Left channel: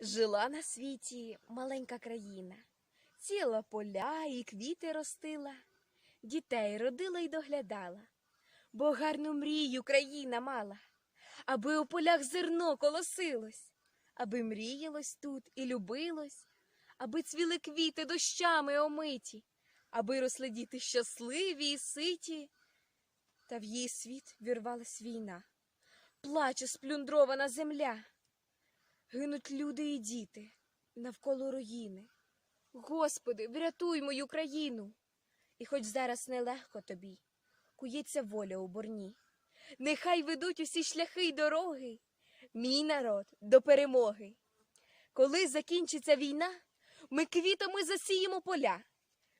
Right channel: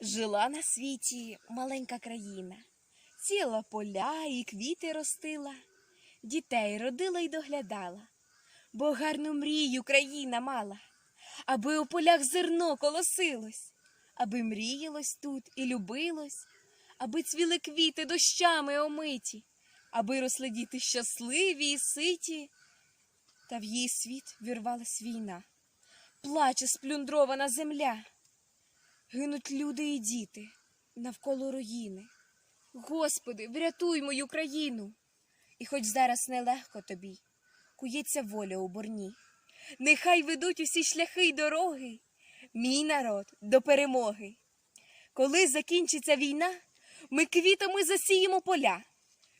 Жила на світі маленька країна, ціла поля і квіти ростила, дітей родила й доглядала, бо гарну мрію країна мала, аби у полях зерно колосилось, аби мріялось тут і любилось, аби цвіли квіти дощами омиті, аби росли діти щасливі і ситі. Та в її світ вірвалась війна, плаче сплюндрована земля. Гинуть люди і діти навколо руїни. Господи, врятуй мою країну. І хоч зараз нелегко тобі, кується воля у борні. Нехай ведуть усі шляхи й дороги, мій народ до перемоги. Коли закінчиться війна, ми квітами засіємо поля,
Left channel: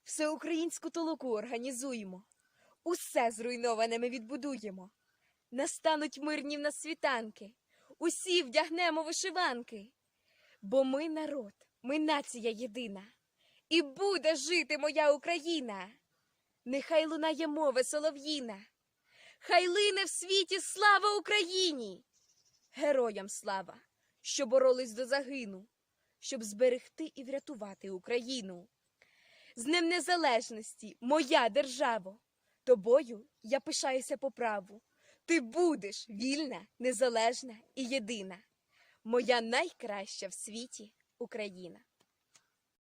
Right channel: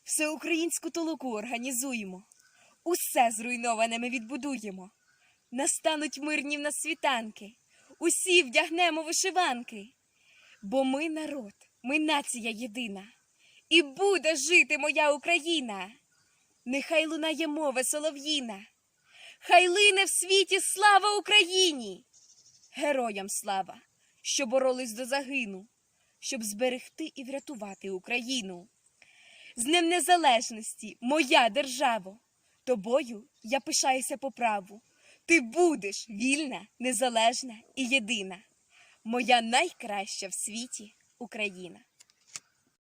всеукраїнську толоку організуємо, усе зруйноване ми відбудуємо. Настануть мирні в нас світанки, усі вдягнемо вишиванки. Бо ми народ, ми нація єдина, і буде жити моя Україна. Нехай лунає мова солов'їна, хай лине в світі слава Україні, героям слава, що боролись до загину, щоб зберегти і врятувати Україну. З Днем Незалежності, моя державо, тобою я пишаюся по праву. Ти будеш вільна, незалежна і єдина, моя найкраща в світі Україна.